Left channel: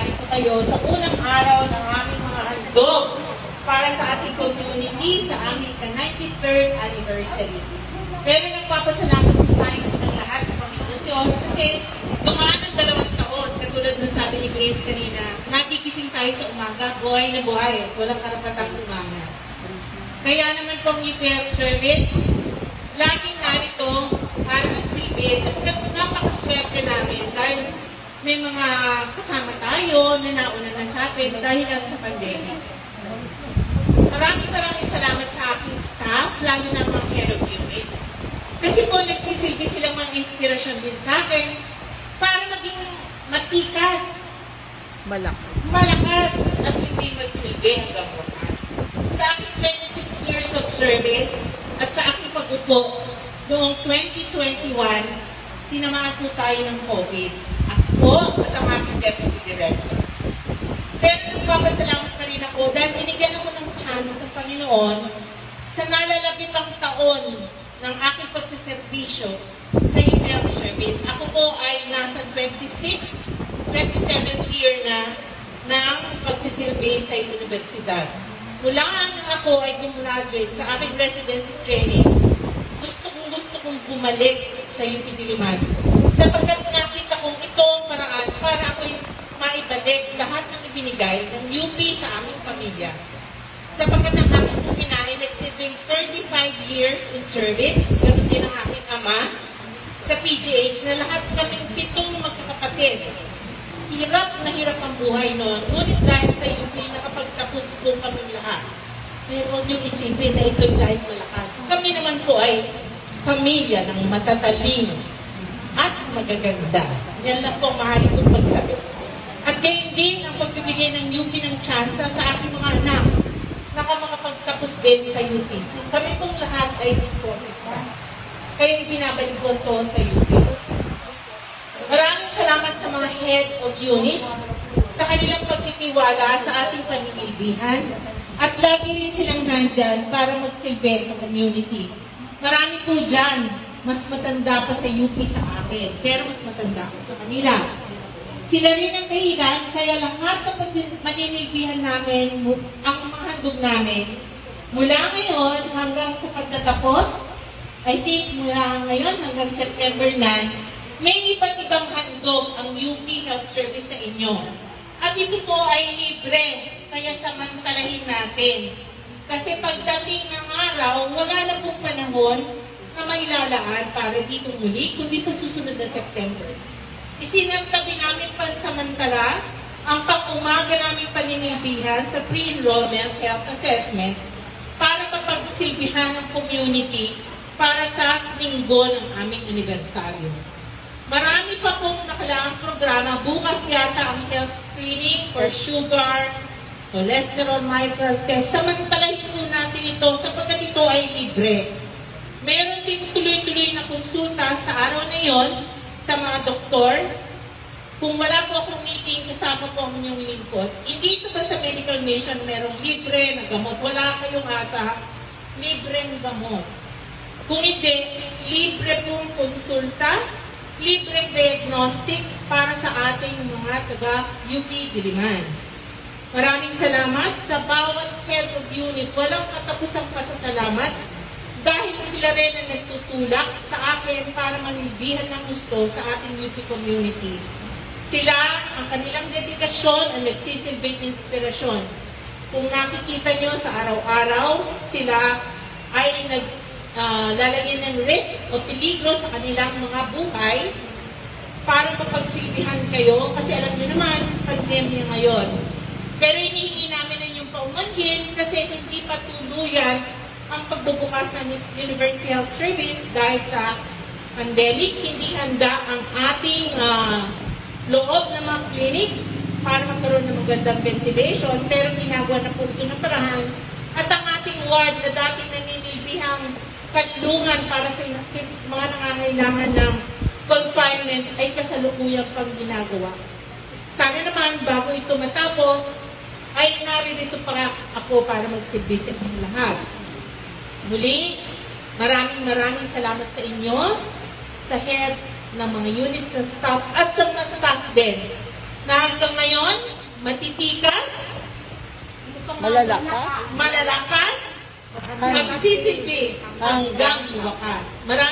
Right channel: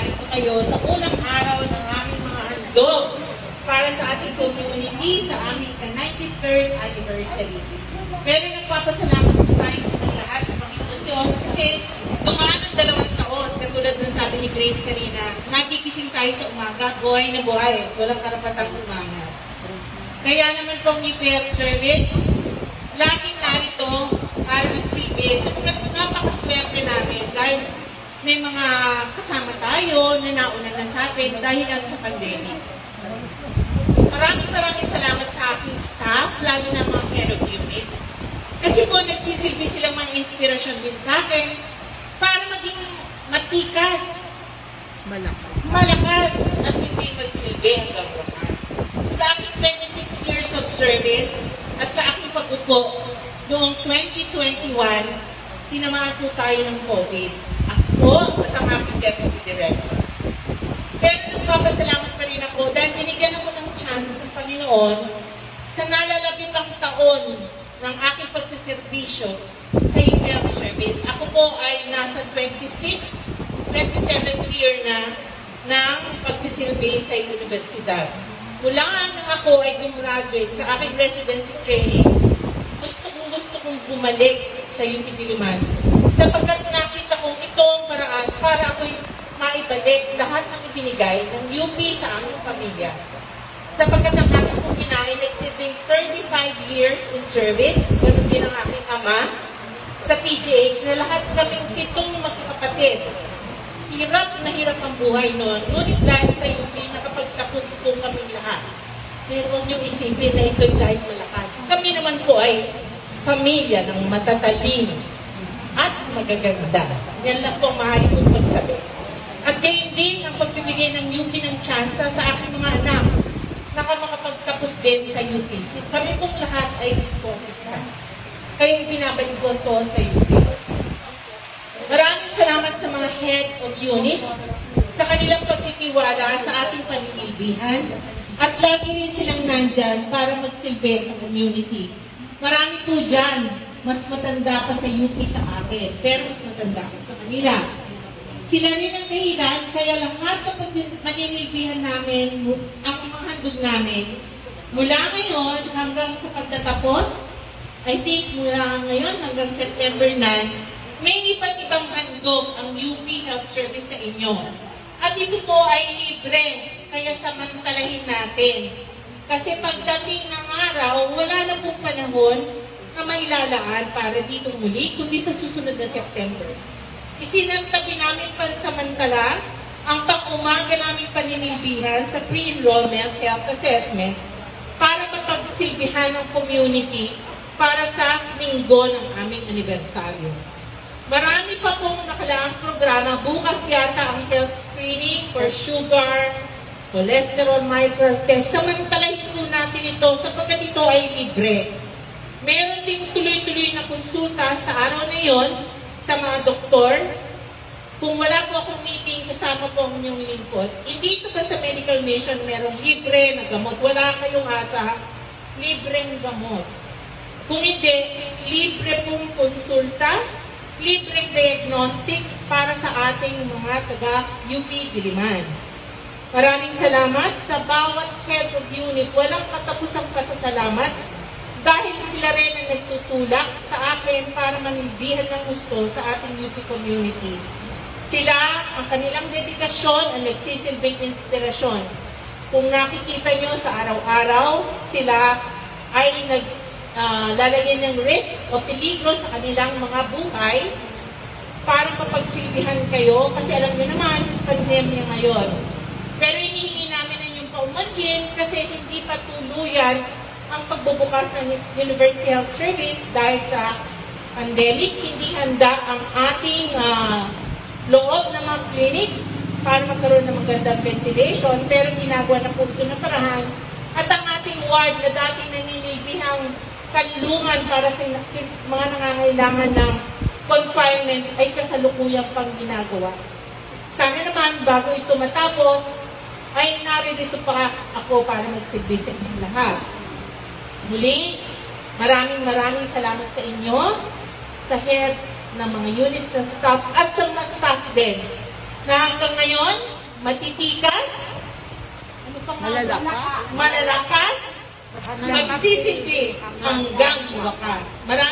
narito kayo sa unang araw ng aming mga handog para sa ating community sa aming 93rd anniversary. Pero nagpapasalamat po tayo ng lahat sa Panginoon Diyos kasi dumaan ng 2 taon, katulad ng sabi ni Grace kanina, nagigising tayo sa umaga, buhay na buhay, walang karapatang umaga. Kaya naman pong UP Service, laging narito para magsilbi at napakaswerte namin dahil may mga kasama tayo na nauna na sa atin dahil sa pandemic. Maraming salamat sa aking staff, lalo na mga head of units. Kasi po nagsisilbi silang mga inspirasyon din sa akin para maging matikas, malakas at hindi magsilbi hanggang wakas. Sa aking 26 years of service at sa aking pag-upo noong 2021, tinamaan po tayo ng COVID. Ako at ang aking deputy director. Pero nagpapasalamat pa rin ako dahil binigyan ako ng chance ng Panginoon sa nalalabitang taon ng aking pagsiservisyo sa UP Service. Ako po ay nasa 27th year na ng pagsisilbi sa universidad. Mula nang ako ay gumraduate sa aking residency training, gusto kong bumalik sa UP Diliman. Sapagkat nakita kong ito paraan para ako'y maibalik lahat ng ibinigay ng UP sa aming pamilya. Sapagkat ang aking kuminay nagsilbing 35 years in service, ganoon din ang aking ama sa PGH na lahat kaming 7 magkakapatid. Hirap na hirap ang buhay noon, ngunit dahil sa UP nakapagtapos po kami lahat. Pero huwag niyong isipin na ito'y dahil malakas. Kami naman po ay pamilya ng matatalino at magaganda. Yan lang po mahal kong magsabi. At gayon din ang pagbibigay ng UP ng tsansa sa aking mga anak na makapagtapos din sa UP. Kami pong lahat ay sportista. Kaya binabalik ko ito sa UP. Maraming salamat sa mga head of units sa kanilang pagtitiwala sa ating pamilibihan at lagi rin silang nandyan para magsilbi sa community. Marami po dyan, mas matanda pa sa UP sa akin, pero mas matanda ko sa kanila. Sila rin ang dahilan, kaya lahat ng maninilbihan namin, ang mga handog namin, mula ngayon hanggang sa pagtatapos, I think mula ngayon hanggang September 9, may iba't ibang handog ang UP Health Service sa inyo. At ito po ay libre, kaya samantalahin natin. Kasi pagdating ng araw, wala na pong panahon na may lalaan para dito muli, kundi sa susunod na September. Isinantabi namin pansamantala ang pang-umaga naming paninilbihan sa pre-enrollment health assessment para mapagsilbihan ng community para sa linggo ng aming anibersaryo. Marami pa pong nakalaang programa. Bukas yata ang health screening for sugar, cholesterol, mitral test. Samantalahin po natin ito sapagkat ito ay libre. Meron din tuloy-tuloy na konsulta sa araw na yon sa mga doktor. Kung wala po akong meeting, kasama po ang inyong lingkod. Hindi ito ba sa Medical Mission merong libre na gamot? Wala kayong asa, libreng gamot. Kung hindi, libre pong konsulta, libreng diagnostics para sa ating mga taga-UP Diliman. Maraming salamat sa bawat head of unit. Walang katapusang pasasalamat dahil sila rin ang nagtutulak sa akin para manilbihan ng gusto sa ating UP community. Sila, ang kanilang dedikasyon, ang nagsisilbing inspirasyon. Kung nakikita nyo sa araw-araw, sila ay lalagyan ng risk o peligro sa kanilang mga buhay para mapagsilbihan kayo kasi alam nyo naman, pandemya ngayon. Pero hinihingi namin ang inyong paumanhin kasi hindi pa tuluyan ang pagbubukas ng University Health Service dahil sa pandemic. Hindi handa ang ating loob ng mga clinic para magkaroon ng magandang ventilation, pero ginagawa na po ito ng parahan. At ang ating ward na dating naninilbihang kanlungan para sa mga nangangailangan ng confinement ay kasalukuyang pang ginagawa. Sana naman bago ito matapos, ay naririto pa ako para magsilbi sa inyong lahat. Muli, maraming salamat sa inyo, sa head ng mga units ng staff at sa mga staff din na hanggang ngayon matitikas, Malalakas? malalakas, magsisilbi hanggang wakas. Maraming